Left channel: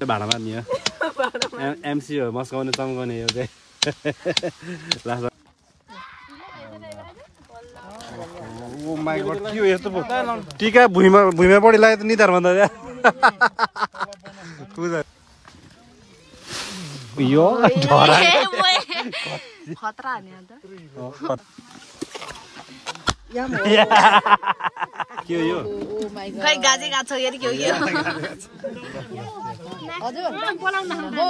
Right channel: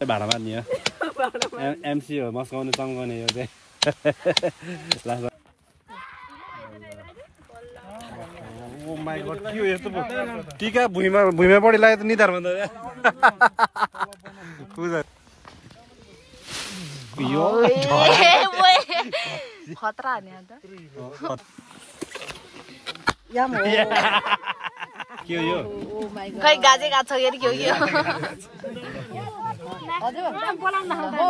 भाडा मार्ने हो एमसी हो मस्काउने चम्काउने हो चाहिँ ओ माइ गॉड के हो यस्तो टीका भुइँमा पडी लाग्यो त निधार भन्दा पूजा यो खतरा नि अन्त के हो यो खै गाजे गाछ हेरि के हो यो हजुर बोलाउन मम्मी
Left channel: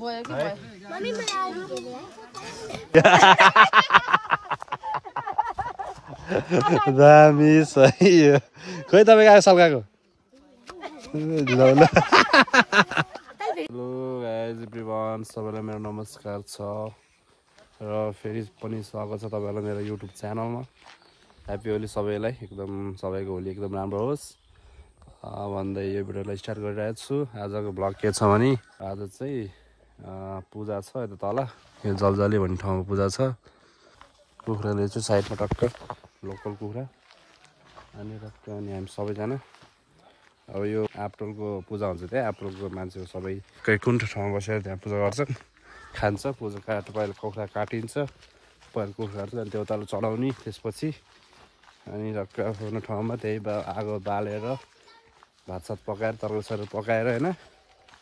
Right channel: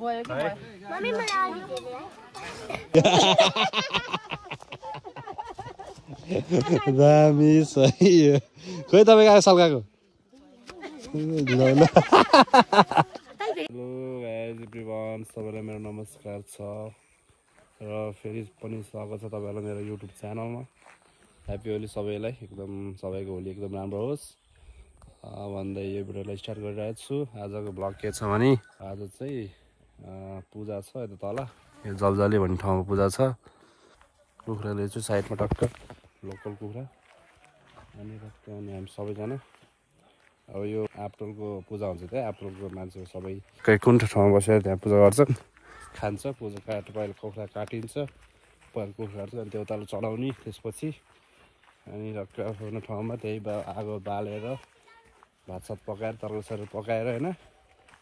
मलाई आदि दिले दामी सही हो खोइ तपाईको आयो सल्काको हेलो गाइज एभ्रिवान सबैलाई मेरो नमस्कार छ र फेरि पनि स्वागत छ तपाईहरुलाई मेरो युट्युब च्यानलमा ह्यापी होली सबैलाई एकदम सबैको होली एकदम राम्रो होस् भन्दै यो भिडियोलाई स्टार्ट गरिरहेको छु आजको ब्लग के छ भने आज चाहिँ पूजा छ यता तल यो जलजली भन्ने ठाउँमा पूजा छ कुखुराले चाहिँ साइडमा टक्क लोकल कुखुरा अनि टक्क अनि हामी सबैजना अब यो एप्रिलको पूजा हुन्छ त्यहाँ एप्रिलको मान्छेहरू सबै कुन ठाउँमा बसेर त्यहाँ पूजा गर्छन् खान्छ पूजा पहिला कुखुरा काटिन्छ पहिला कुखुरा अनि त्यो तल चढाउने त्यसपछि अनि टक्क आफ्नो ठाउँमा त्यही आगो बालेर भातसात पकाएर तरकारी पकाएर होइन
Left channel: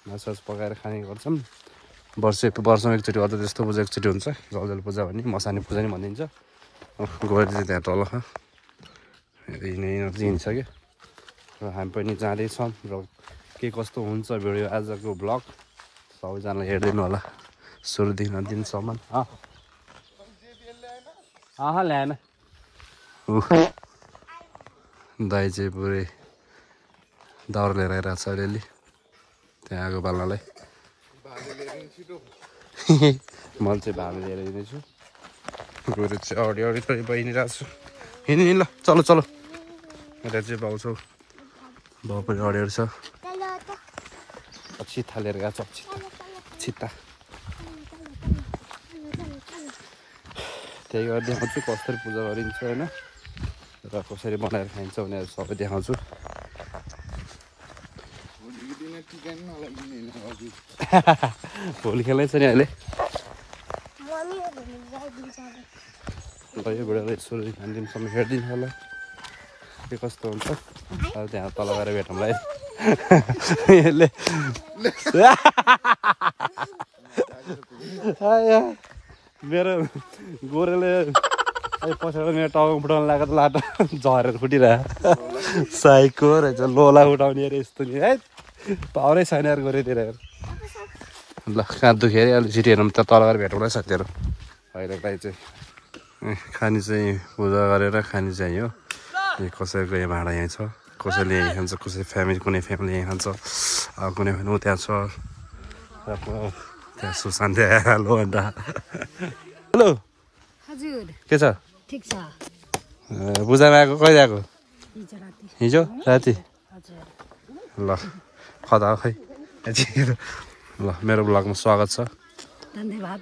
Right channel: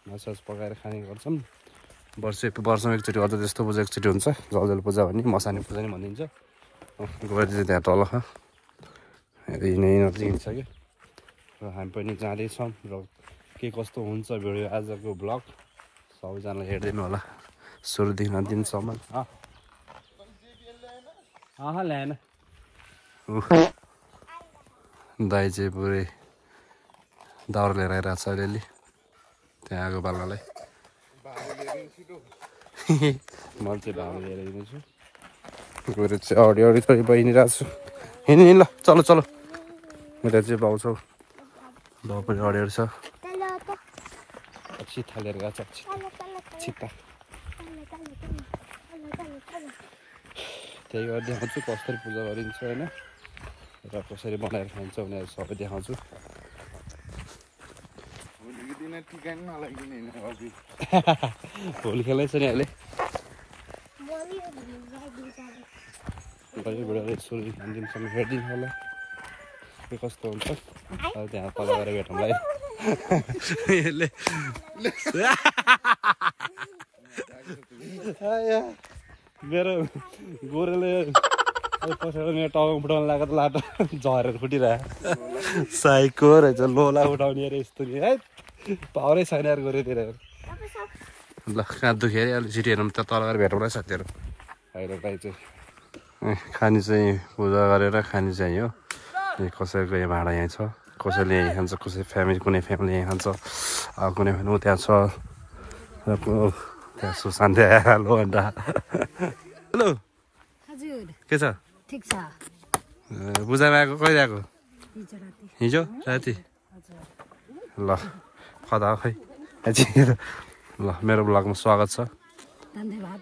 मासुसास पकाएर खाने गर्छन् वर्षमा एकचोटि अझ त्यस्तो पूजा एकचोटि हुन्छ जलजल पूजा भन्ने मसानी पूजा नि भनिन्छ गएर चाहिँ त्यहाँ तल यिनीहरू चाहिँ हिँड्छ कि र हामी पनि जाँदैछौँ र के कस्तो हुन्छ भिडियो आजको ब्लग सबैजनालाई हेरिदिनु होला सुरुदेखि अन्तिमसम्म ल्याएन दाइ चाहिँ पुरै दाउरा लिएर आइरहेको छ अलिअलि त्यहाँ आगो बाल्नलाई म चाहिँ भाले लिएर हिँड्दैछु गएर चाहिँ अगाडि थोरै बहिनिरहेको छु हिँड्नु ल चलो चलो यता चाहिँ पाउँछौ बाउ पनि अडियो छ छिट्टा लिएर गएको छ छिट्टा त्यही गरेर देखाउँछु कसरी पूजा गरिन्छ होइन र कसरी बनाएर खाइन्छ भनेर सबै देखाउँछु होली खेल्दैछ नि अहिले यो भिडियोलाई सुरुदेखि अन्तिमसम्म हेरिदिनु होला के कस्तो हुन्छ अब त्यहाँ तल गएर भेटौँला मेरो गोरेले पछाडि मेरो टाउको फुटाउनु लाग्यो त लाटो झरेर फुटिरह्यो साइको रहेछ लोला उठाउने अरे यस्तो नि है पावरै छैन अरू गोरेतिर ल कहाँ दुख्यो अरे अलिक छिटो हेरौँ त तल गएर भेटौँला साथीहरू अहिले चाहिँ खानी चाहिँ पूजा गरेर खानी चाहिँ हो कसैको यहाँ भाँडा यहाँ छ कसैले यहीँ खान्छ कसै कुनै फ्यामिली यहीँ खान्छ कुनै फ्यामिली त्यहाँ छ त्यहाँ सुशान्त हेलो अन्त हेलो हजुर के छ ठीक छ पूजामा आएको कहिले आएको हिजो राति ल खदा खै ल मेरो ब्लगमा स्वागत छ धन्यवाद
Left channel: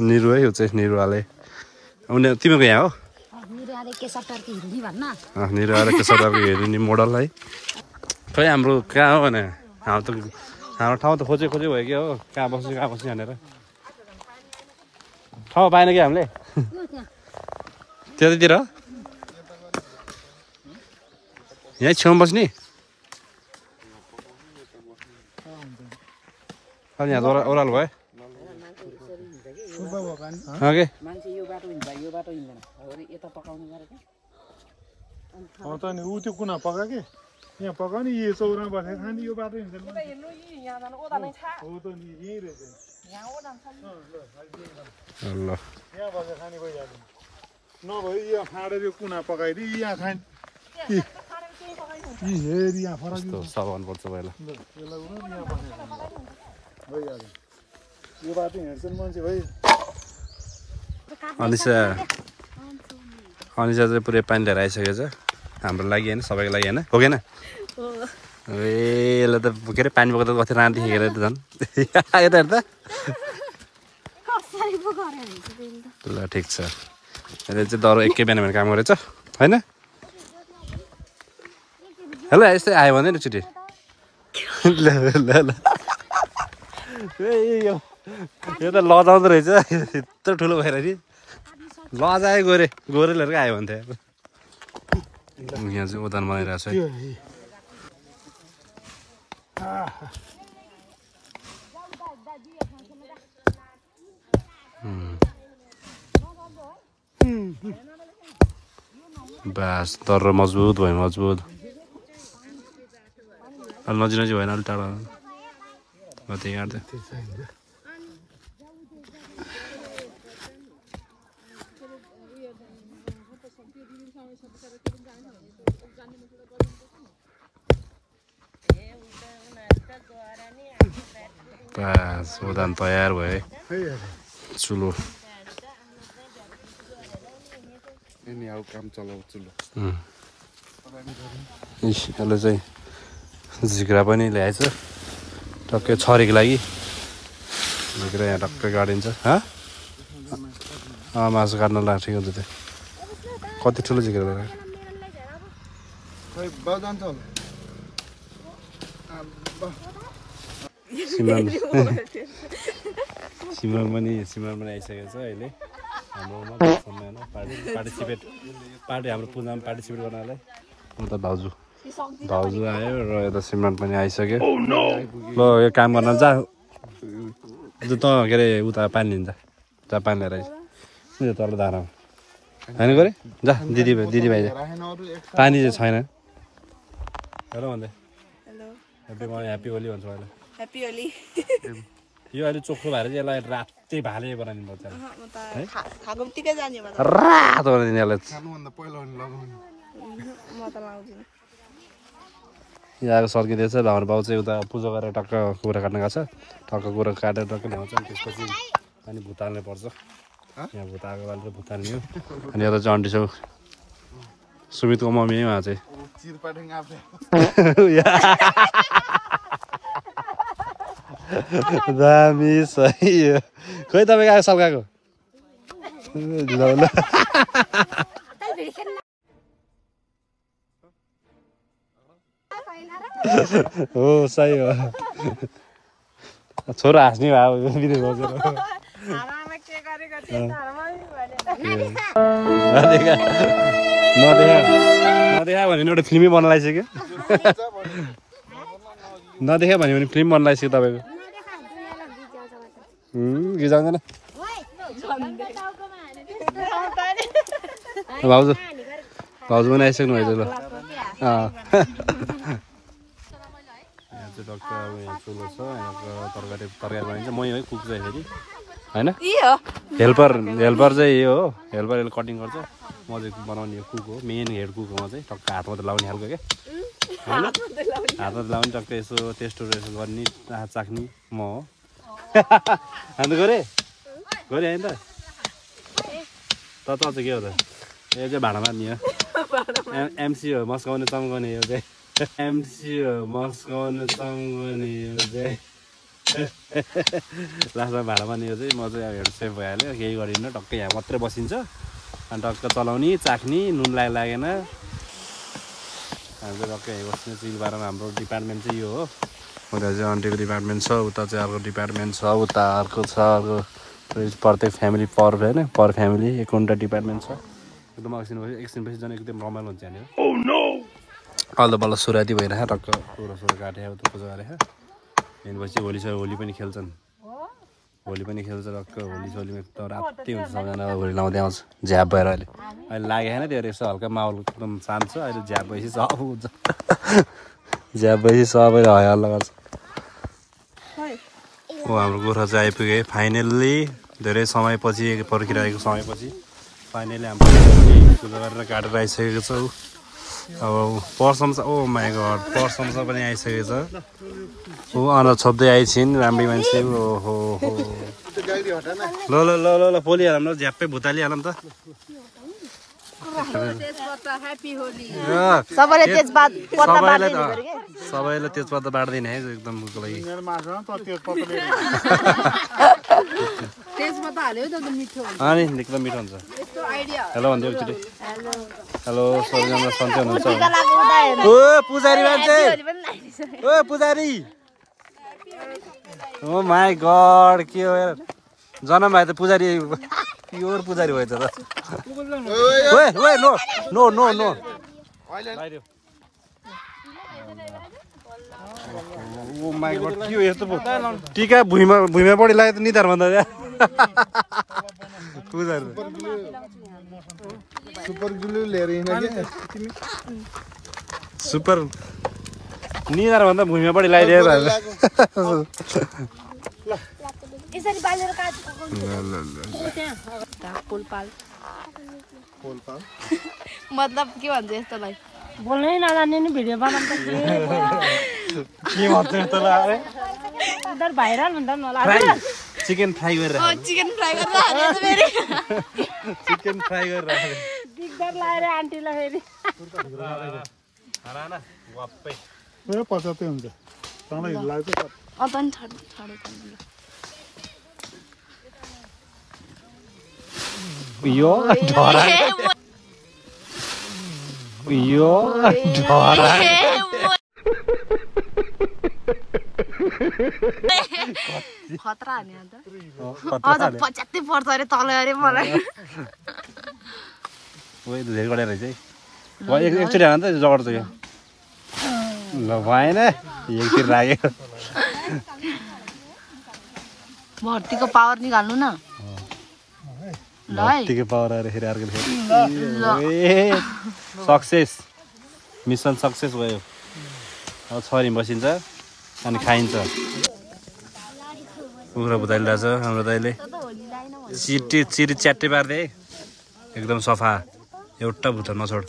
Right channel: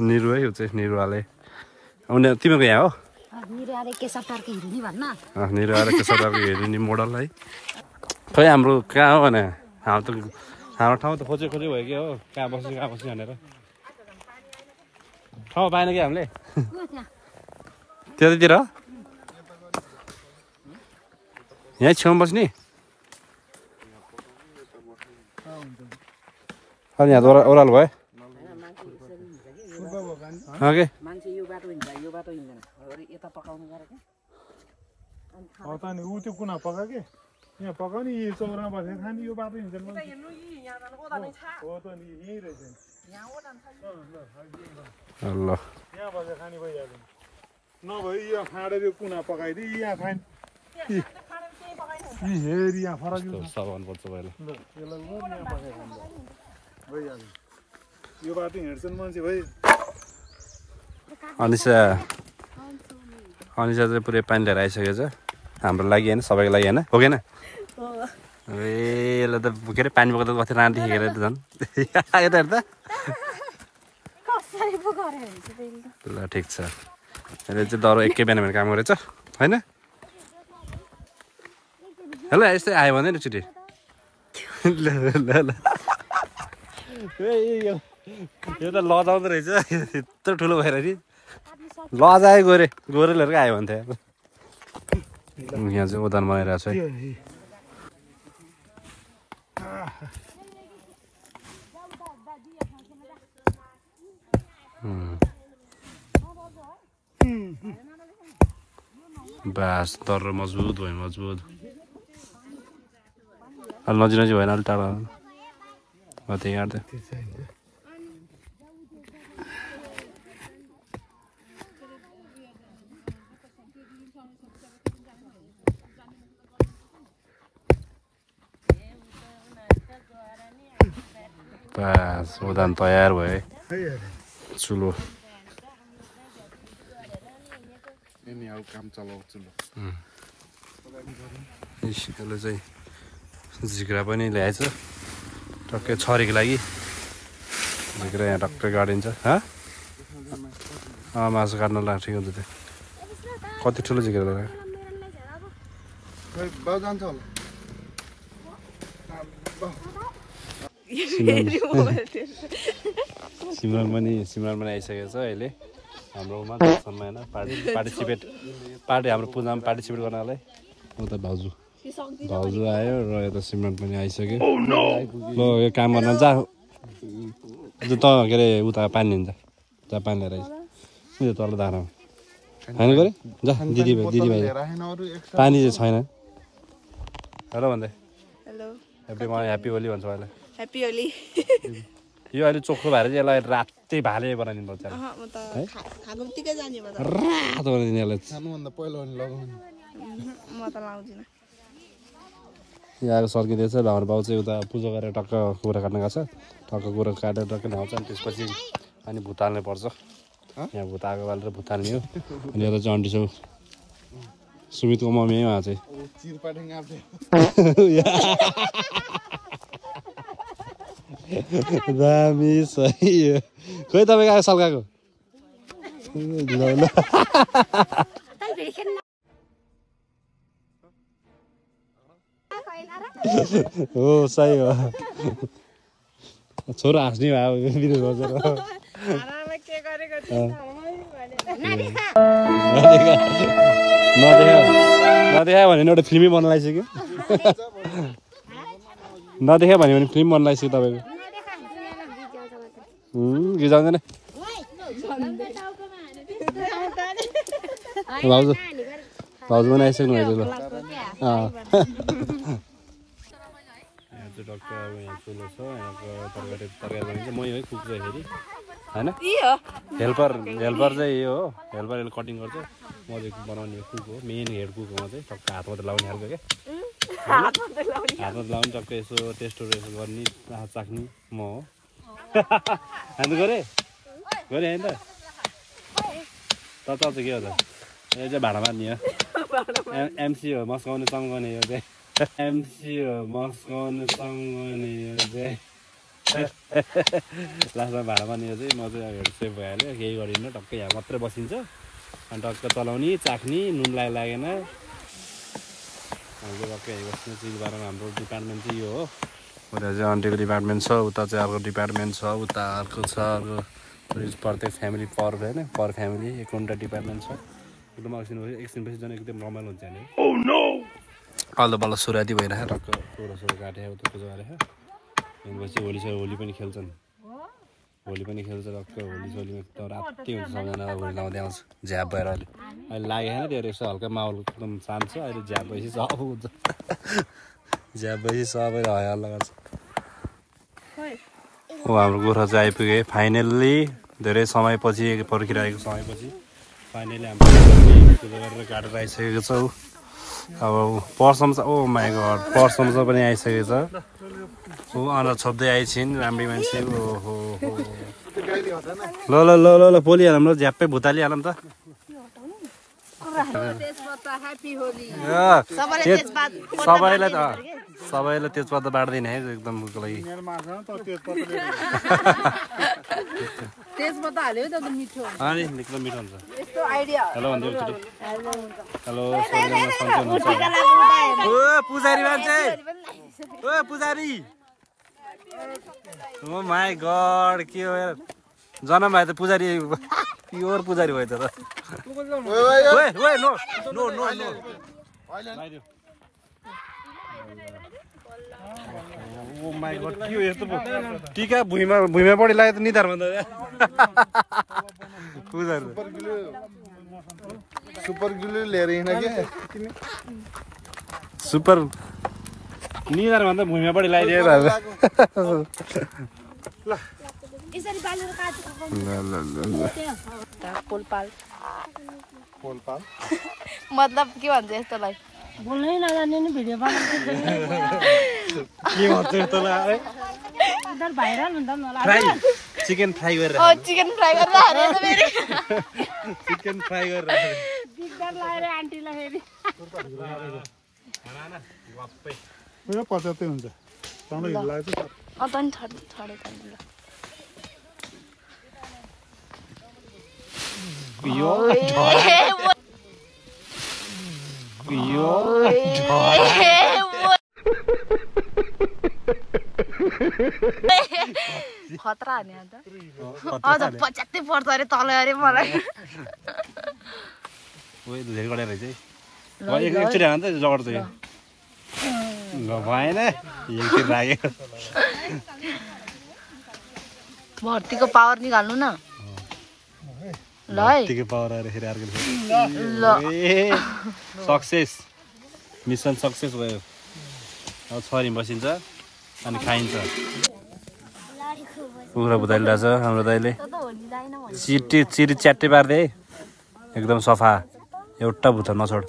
निरु है यो चाहिँ निरुवाले उनीहरू तिमीहरूको यहाँ हो निरु आएर केशवटारको हेर्ने मोडल है खै हाम्रो कहाँ हो भने हाम्रो ठाउँ त खोजे भयो कि हो कहाँ बस्ने भनेर ठाउँ पाएन कि हामीले त्यतातिर यहीँ छेउमा बस्ने अनि यहाँ ओह्रालो भयो ओके त्यो कुना पका के यहाँ पका नि यो चौरा बसेर खाने यो बाटो हिँड्छ ल यहाँ बसेर खाने भइहाल्यो नभए यहाँ फाँडेर यो कुना पकाइदिए यहाँ खाने हेरी यहाँ फरक सामान पर्छ पहिला यसलाई यहाँ बसेर खाने भइहाल्यो यो बाटो हिँड्छन् मान्छे भाइ अनिसा चाहिँ पुरै पानी लिएर आइसकेको छ हाम्रो लागि होइन सबैको लागि होइन हो कि ए यसलाई त के अरे पानी बोक्दा कति राति हेरेर त झन् यता हेर्दा ल ठिक छ यसले चाहिँ दरो एकै बिहान काम गरेछ होइन हेलो यस्तै आयो भने नि छिटै ल ल ल यो त लजाउँदो रहेछ यत्रो ठुलो भएर नि लजायो गोरेलहरूको आयो भने थियो यहाँ चाहिँ ओदान बनाइरहेको छ है बास तर मजबुत भयो मजबुत अलि नजिक भएन अलिक टाढा त्यही काट्दै बास ओदान तयार भयो है चुलो काम चलाउ चुलो यसले चाहिँ झिक्रा पनि ल्याएछ टक्कै छरीको लागि झिक्रा यहाँ टक्कै गाडिन्छ मासु काट्न लाग्छ ठिक हुन्छ त्यो कति ठुलो झिक्रा सिमरन पनि आइसकेको छ अहिले हाम्रोमा होइन पार्टी हाम्रो पूजामा पार्टिसिपेट गर्नलाई उता भाउजू आयो र यता सिमरन पनि आइसक्यो ल यो काम गर्न जा त के अरे उता पानी लिन्छ जा पानी लिएर आइस उयो तल धारामा होइन गरे जा दिदीभाइ पानी चाहिँ छैन हेलो भन्दै ह्याप्पी होली भन्छ अहिले ह्याप्पी होली यो अहिले चोखो भएर चाहिँ यसलाई रातै भाले बनाइदिनु पर्छ रातो बनाइदिनु यसलाई यहाँ सर्किँदैछ हाम्रो बाउ चाहिँ उता पूजा गरेर टक्क कुखुरा काट्न गएको छ टक्क कुखुरा काटेर टक्क ल्याउँछ अनि त्यसपछि अनि भुत हाल्नु पर्छ यहाँ भुत आगो बालेर भुत हाल्ने हो अनि यता चाहिँ अन्टी छेउ सुमितको मम्मी उहाँ चाहिँ दामी सही हो खोइ तपाईँ गएको सल्काएको हो सही हो छोरो हाँस्ने भयो भिडियो बसेर नदेखा भने एउटा फिल्मै बन्न लागिसक्यो नदेखा भन्यो भने फिल्म बन्न लागिसक्यो तपाईँको गिजाउँदैन भाउजू पनि आइसक्नु भएछ ल यहाँ चाहिँ टक्क अब यहाँ चुलो छ यहाँ तरकारी बनाइन्छ मै है कुक चाहिँ फेरि होइन हेल्पर चाहिँ यो हो हेल्पर यसले कटिङ गर्छ म चाहिँ बनाउने कुक हो मेन हेड कुक हो म चाहिँ टक्क हातमा त लाउने खालको क्या हातमा लाउने टक्क यसो टेस्टहरू यसो गर्ने चाख्ने म हो अन्त गरे होइन त चाहिँ के हो त यो चाहिँ भाँडा मार्ने हो एमसी हो मस्काउने चम्काउने यो चाहिँ एमसी हो मस्काउने चम्काउने यो चाहिँ लास्टमा भाँडा मार्ने यो चाहिँ म चाहिँ हेड सेफ भइहाल्यो केही गरिन्न टक्कै यहाँ मात्रै बसिन्छ अनि टक्क चलाउने चाख्ने नुन लागेन हामी चाहिँ टक्कै यहीँ बस्ने चिल बारमा हाम्रो डिपार्टमेन्ट चाहिँ यो हो उता चाहिँ आन्टीको डिपार्टमेन्ट छ उता चाहिँ अर्को डिपार्टमेन्ट छ उता अर्को छ अर्को प्रत्येक फ्यामिली होइन पर फ्यामिली एकवटा डिपार्टमेन्ट छ एकदम एकछिनपछि झन् एकदम रमाइलो हुन्छ यहाँनिर अल्लो बल्ल सुराती भइरहेको टक्क सोह्र काटे उता पूजा गरेको त्यसपछि होली पनि खेल्छन् होली पनि खेल्छ टक्क होलीसोलीमा एकदम राति हुन्छ सबैजना होली लाउँदै आउँछ झ्याप भएर अहिले लागेको छैन त्यो यसो हल्का माहौल एकदम शान्त छ अहिले झ्याप भएपछि सब हुन्छ झ्याप भएपछि सबैले हल्ला गर्छ हाम्रो गोर्खा चाहिँ आइपुगे फाइनल्ली धेरै समयपछि पर्खिरहेको समयपछि फाइनली हाम्रो पूजा गरेर काटेर आइसकेको छ अब पर्सम ओ माई गड पर्सम पनि आइसकेको छ ऊ अन्त छोप्दै आइछिन् राम्रै मान्छे ओहो ल पोली हाम्रो झ्याप्पै भुतालिहालौँ त सबैलाई तेजपत्ता बाँड्दैन है एकदम लागि अनि एकदम मिठो हुन्छ हेलो भन्दै एकचोटि हेलो सबैजना सन्चै हुनुहुन्छ ओ पुजारी मान्छे ओ पुजारी ओ माई गॉड के हो यार जन्म भए त पुजारी प्योर पुजारी भयो त ओए ओए no no no no oh my god के हो यस्तो टीका भुइँमा पडी लाग्यो त निधार भन्दा पुजारी सुपर ग्लू लिएर हिँड्ने के तिमी सुपर निधार भन्दा भुइँमा पडी लगाइदियो ल यसरी बालेर काट्नु पोलपाल मतलब के भन्छ यस्तोलाई बोल्नै नजान्ने नि भिडियो बनाउँदै के भन्छ यस्तोलाई उधर भाइरल हुन्छ नि होला चिकन फ्राई गरेर चिकन फ्राई गरेर हारे त फेरि चिकन फ्राई गरेर दिगदार लाएर आन्टीलाई फेरि हराना वाप्पै मेरो पचातै हुन्छ तँलाई लाग्छ तनी थडे तनी यो यो खतरा हाने अन्त अझ 75 पर्छ अरे तल अरे मलाई ओए धेरै गडे रहेछ है एकचोटि हान त जगड चाहिँ ल भएन एकचोटि लाग्यो भर्तीको पावर निकाल्नु न ल है भर्तीको पावर आएर फेरि अर्को ल सक्सेस मिसन सक्सेस भयो अब छोरी बसिन्छ अनि खाइन्छ कुखुरा भुतालिरहेको छ हाम्रो दाइले चिरी च्याट्टे पार्दै एकदम सफा एउटा भुता नछोड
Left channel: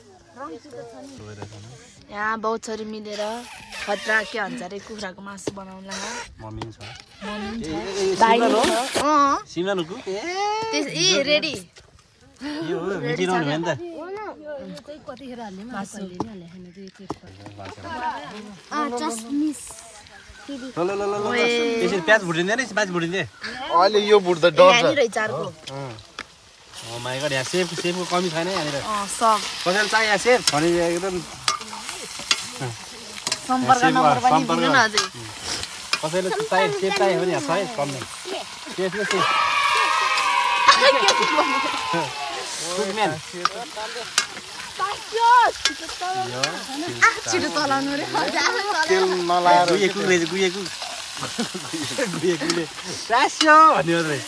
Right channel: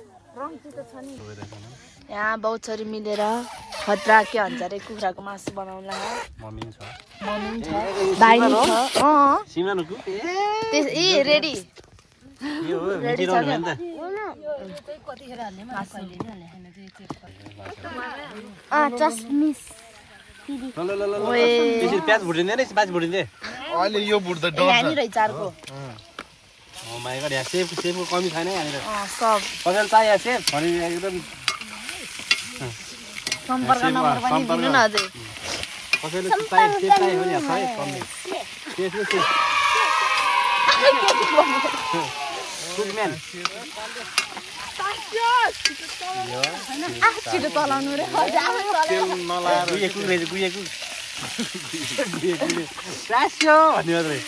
यहाँ बहुत छोरी मिलेर खतरा के भन्छ अरे कुखुराको मासु बनाउला मम्मी छ भाइ छ सिमरानुको ए रेडी यो हो भेटिरहनु भयो नि त ल ल ल ल त्यसरी प्याज भुटिँदैन नि प्याज भुटिँदै अहिले यो बुढ्दा यहाँनिर चारको ओ माई गॉड यहाँ सेफको कमी छैन यहाँनिर सब कसैले चाहियो यहाँ सेफ भने एकदम सम्पर्क नम्बर पनि दिनु न अझै कसैले चाहियो सेफ चाहियो भने यहाँ छ है कम नै सेफमा सेफ कुकम्यान छिटो चलाउनु रे गुएको रहेछ गुएको गुएकोले टास्यो भन्ने मात्रै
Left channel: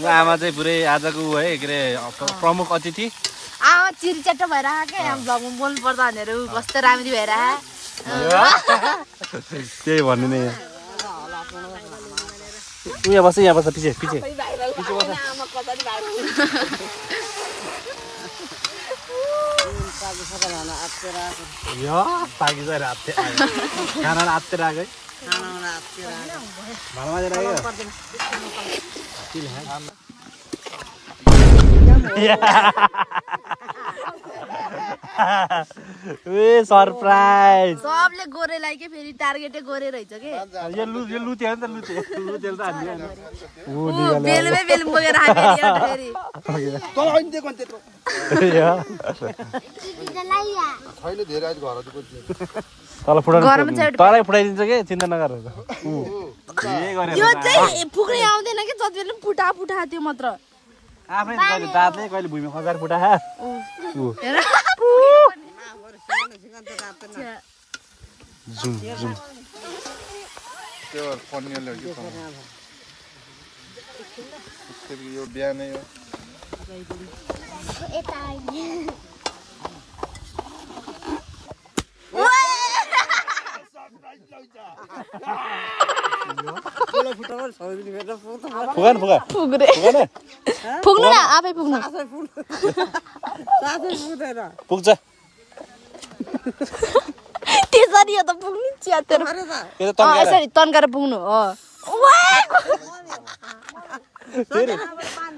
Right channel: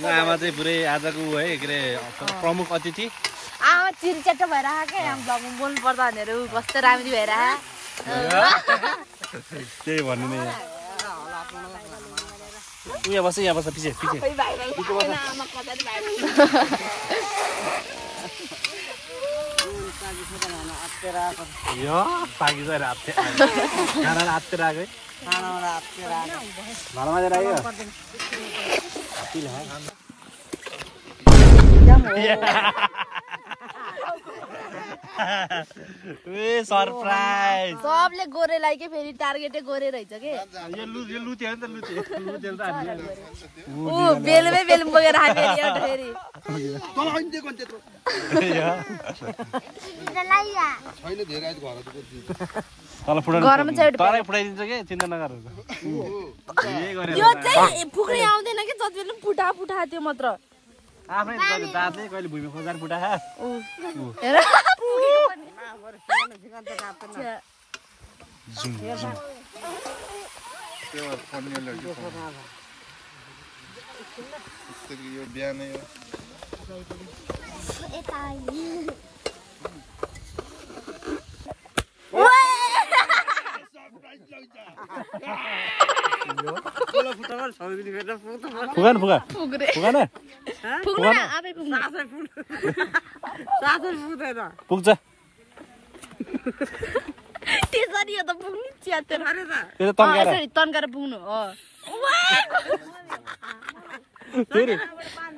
आमा चाहिँ पुरै आजको है के अरे प्रमुख अतिथि आमा चिरी च्याट्टो भएर आएको यहाँ भ्लगमा बोल्नु पर्दा भनेर कस्तो राम्री भएर त्यही भन्नु नै यहाँ बस पछि पछि पाकी चाहिँ हात्ते खाना हात्तेर आएको ए सरप्राइज सबले गोरेलाई के फेरि टार्गेटै गोरे रहेछ के यो लुत्यो नि त लुत्यो त ऊ बेलमै बेल बोकेर आयो फेरि छैन धेरै आज घर गरम चाहिँ तलै फुटाइदिन्छ के चिन्ता नगर यो चाहिँ फुक्ने आउँदैन के जति बेला फुटा त्यो मात्र आफै कहिले दाँतले कहिले भुइँमा खसार फुटा हेर जुम जुम त्यो पन्नेलहरु यो बिहानै पुग्नु न आफै पुग्नु पुग्छ त्यसरी यो त पुग्नु च्यातेर यसरी तन्काएर पुग्नु हो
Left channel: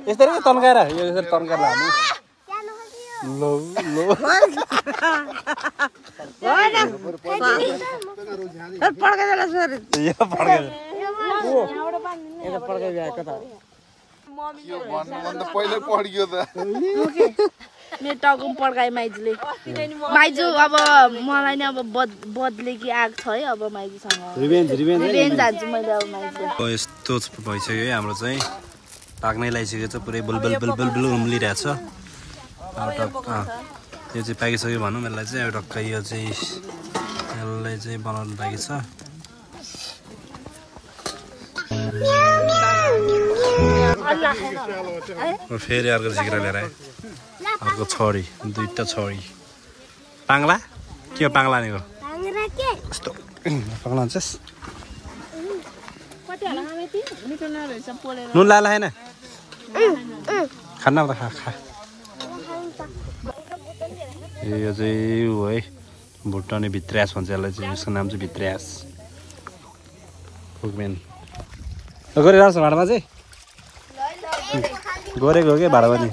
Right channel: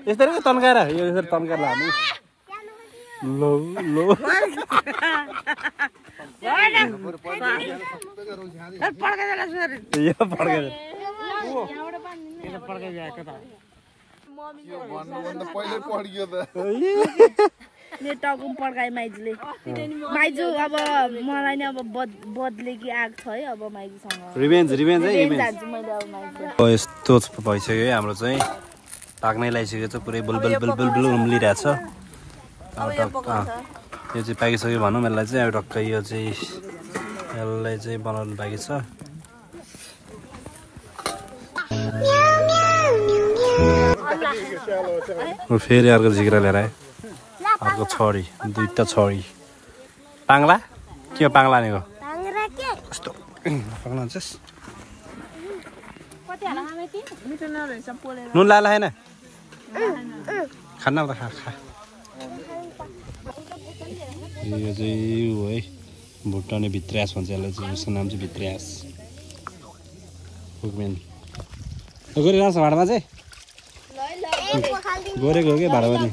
यसरी तन्काएर यो यसरी तन्काएर लानु लो लो मेरो टाउको पड्काए माइजूले माइजू अब मलाई नै अब बदले कि आग छ है अब माइजूसँग रिभेन्ज हान्छु मैले अब माइजू यस्तो भइसक्यो है हाम्रो चाहिँ पाक्नै लगाइसकेको छ पुरै बुलबुल बुलबुल बुल उम्लिरहेको छ अब टक्क यो चाहिँ पाकिसक्यो भनौँ यसलाई चाहिँ अब टक्क यो चाहिँ यसलाई चाहिँ बनाउनु बाँकी छ फेरि अर्को झिक्रा लिएर आयो अर्को छडी दुईटा छडी पाङ्ला के हो पाङ्ला भनेको यस्तो पाङ्ला हुन्छस् नुन लाला होइन खाना त खा यो चाहिँ ऊ है भुटाउने भित्र्यास भन्छ यसलाई चाहिँ यसको नाम चाहिँ भित्र्यास कुकमेन गरिरहेको छ भाँडामा चाहिँ गोरेको हो क्या भाँडामा नि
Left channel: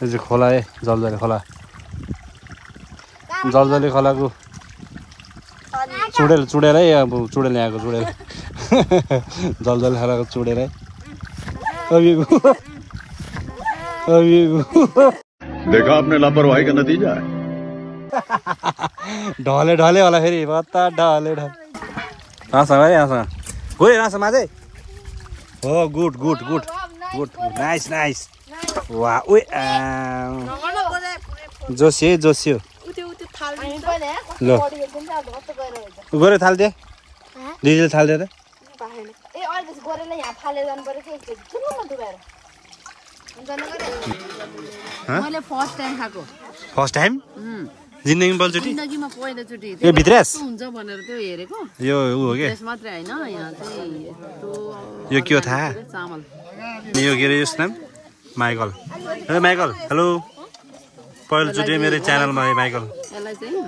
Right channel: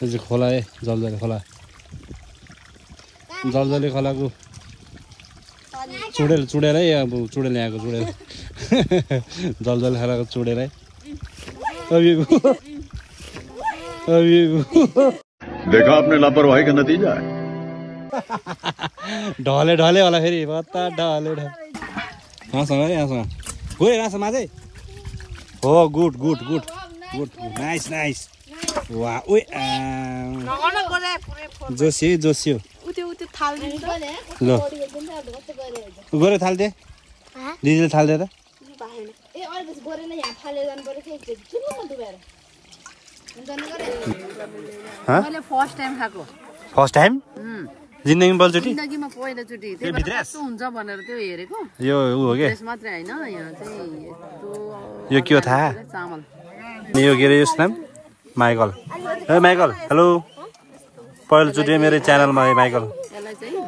यो चाहिँ खोला है जलजले खोला जलजले खोलाको चुडेल है अब चुडेल यहाँको चुडेल जलजले खोलाको चुडेल है देखा आपने लापरवाही का नतीजा है ढले होला फेरि बत्ता ढले यहाँसँग है यहाँसँग गयो यहाँसँग चाहिँ हो गुड नाइस वा ओ जोसियो ल गरे थाल्दे डिजेल थाल्दे त फर्स्ट टाइम जिन्दगीमा पहिलोचोटि यो भित्र्यास हुन्छ भनेर त्यो हेरेको यो ऊ हो के मात्रै हैन यहाँ चाहिँ यो के हो थाहा यो के अरे यसको नाम माइकल ए माइकल हेलो पहिलोचोटि मेरो च्यानलमा माइकल यसलाई चाहिँ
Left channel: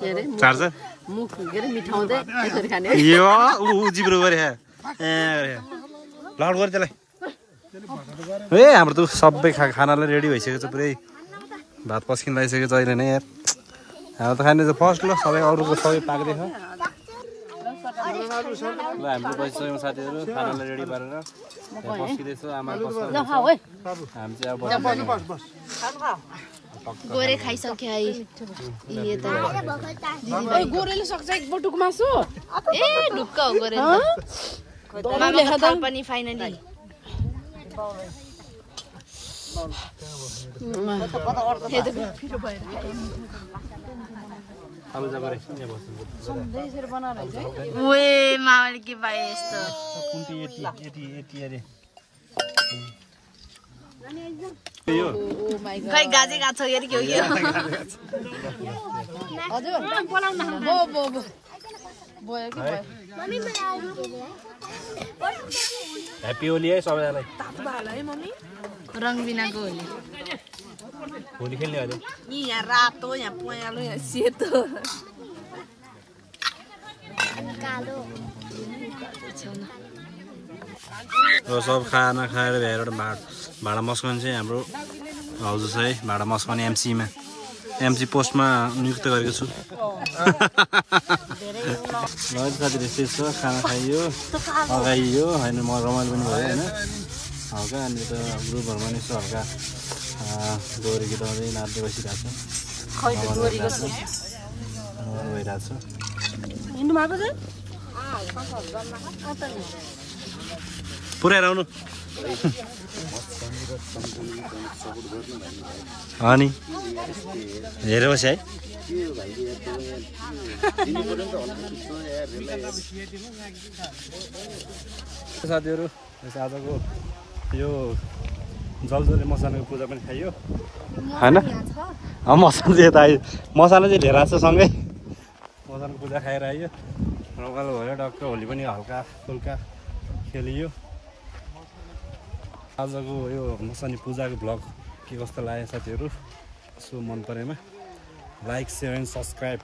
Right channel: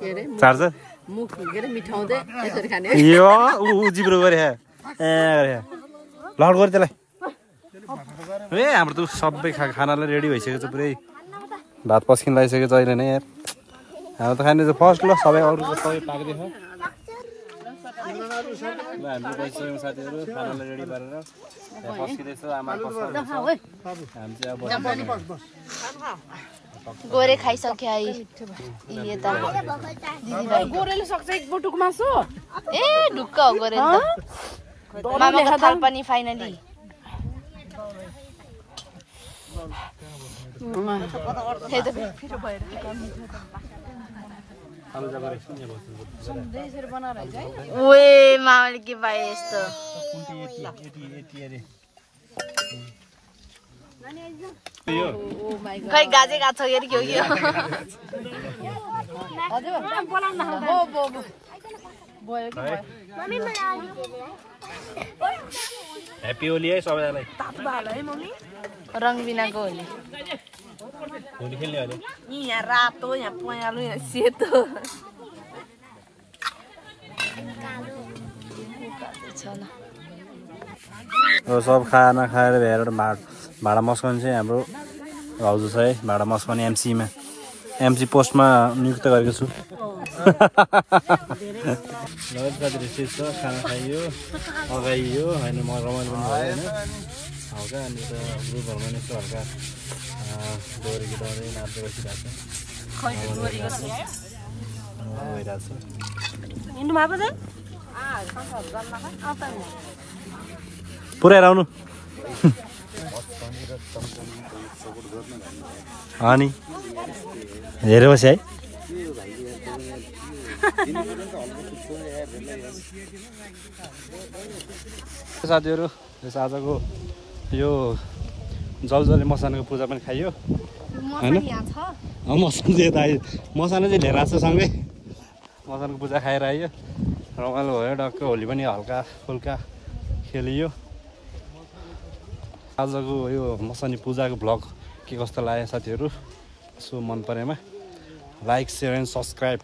के अरे चार्जर मुख के अरे मिठाउँदै यसरी खाने यो ऊ जिब्रो गरे ए लड गरे त्यसलाई ए हाम्रो त सबै खानालाई रेडी भइसकेको छ पुरै भात पस्किन लगाइसकेको छ अहिले नै यार हाम्रो त खाने चाहिँ फर्स्ट ल सबै अरूको सबै पाक्दैछ ल हाम्रो बसिसक्यौँ साथीहरू खानालाई रेडी पारेर पस्किँदैछ आमा हामी चाहिँ अब गोरे खाइसक्यो है यता गोरेले सक्छ एक बुटुक मासु ए ढुक्क हो गोरे त मामाको थाल पनि फाइनली ओए मामाले के पाए यस्तो खै गाजे गएको छ के हो यो ह्याप्पी होली है सबैजनालाई रङ बिनाको होली होली खेल्ने अहिले यहाँ रातो यहाँ पहेँलो यहाँ सेतो सब खाना खाएर भ्याएर भाँडा मस्काउने चाहिँ हाम्रो भाउजू छ है भाँडा मस्काउने एमसी पोस्टमा नियुक्त गरेको छु साथी रेसिपी छ खाना खाइयो अगाइयो होइन म रमाइलो पनि भयो होइन हल्का अनि त ग्रुपहरूमा नि यसो हल्का गएर गीत गाउँदै नाच्दै बसिरहेको छ भइरहेको छ पुऱ्याएर आउनु अनि हेरेर बस्यो है साथीहरू आजको यो जलजले मसानको पूजा पनि खाइयो होइन मसान चाहिँ यता आयो मसानो चाहिँ लिएर आएको छ सँगै मसानको पूजा खाएर आइयो रमाइलो भयो डक्क होली पनि हल्का फुल्का खेलियो आजको यो मसानी पूजाको भ्लग के कस्तो लाग्यो साथीहरू यसो मन परेमा लाइक सेयर एन्ड सब्सक्राइब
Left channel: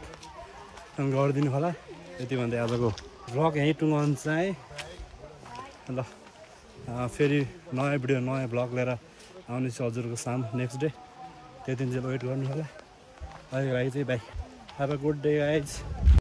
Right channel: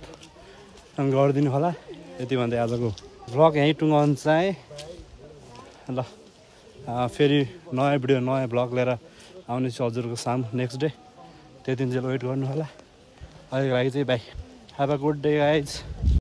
गरिदिनु होला यति भन्दै आजको भ्लग यहीँ टुङ्गाउनु चाहेँ ल फेरि नयाँ भिडियो नयाँ भ्लग लिएर आउनेछु हजुरको साम नेक्स्ट डे त्यति दिन चाहिँ वेट गर्नु होला अहिलेको लागि चाहिँ by have a good day guys